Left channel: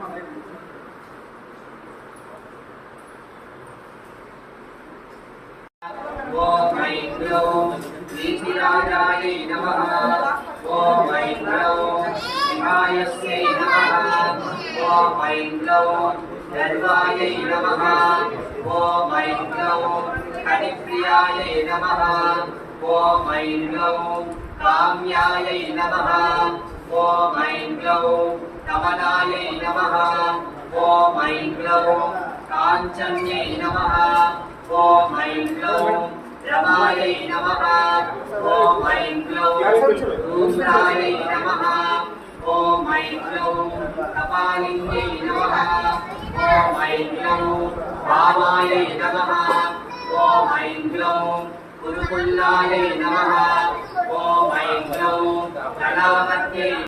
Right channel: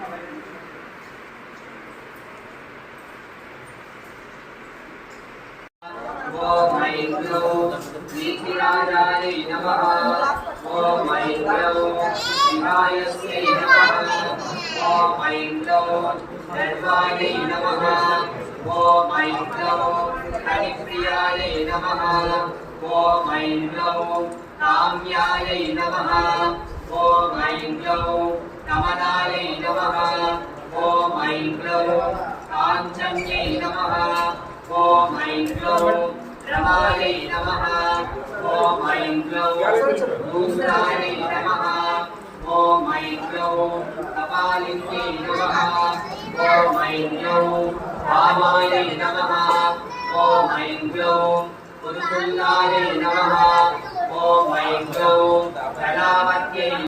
ఓం ఐం గ్లౌం నీతిరాజాయై నమః. ఓం ఐం గ్లౌం శివాయస్యై నమః. ఓం ఐం గ్లౌం సర్వాయై నమః. ఓం ఐం గ్లౌం హరిప్రియాయై నమః. ఓం ఐం గ్లౌం కామ్యాయై నమః. ఓం ఐం గ్లౌం కమలాయై నమః. ఓం ఐం గ్లౌం కాంచన్యై నమః. ఓం ఐం గ్లౌం రమాయై నమః. ఓం ఐం గ్లౌం రూద్రాయై నమః. ఓం ఐం గ్లౌం కపాలిన్యై నమః. ఓం ఐం గ్లౌం వామాయై నమః. ఓం ఐం గ్లౌం పురుకుల్లాయై నమః. ఓం ఐం గ్లౌం గణావత్యై